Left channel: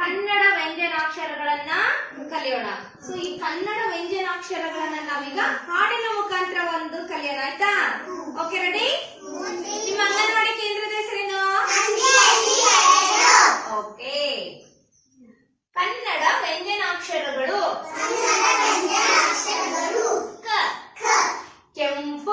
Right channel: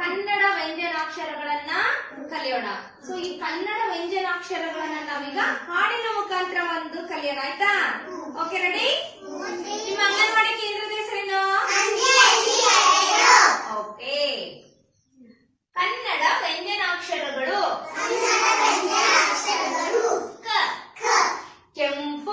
ಕನ್ನಡ ವ್ಯಂಜನಾಕ್ಷರಗಳನ್ನ ಕಲಿಯೋಣ. ಸೊ ಈ ಕನ್ನಡ ವ್ಯಂಜನಾಕ್ಷರಗಳನ್ನ ನಾವೀಗ ಹಾಡಿನ ಮುಖಾಂತರ ಒಂದು ಕಲಿಯೋಣ, ಆಯ್ತಾ? ಓಕೆ ರೆಡಿ ನಿಮ್ಮ ಅಂಗನವಾಡಿ ಕೇಂದ್ರದ ಹೆಸರೇನು? ಓಕೆ ಕನ್ನಡ ವ್ಯಂಜನಾಕ್ಷರಗಳು. ಕೆಂಪು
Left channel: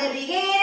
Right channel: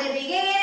ಅದರಿಗೆ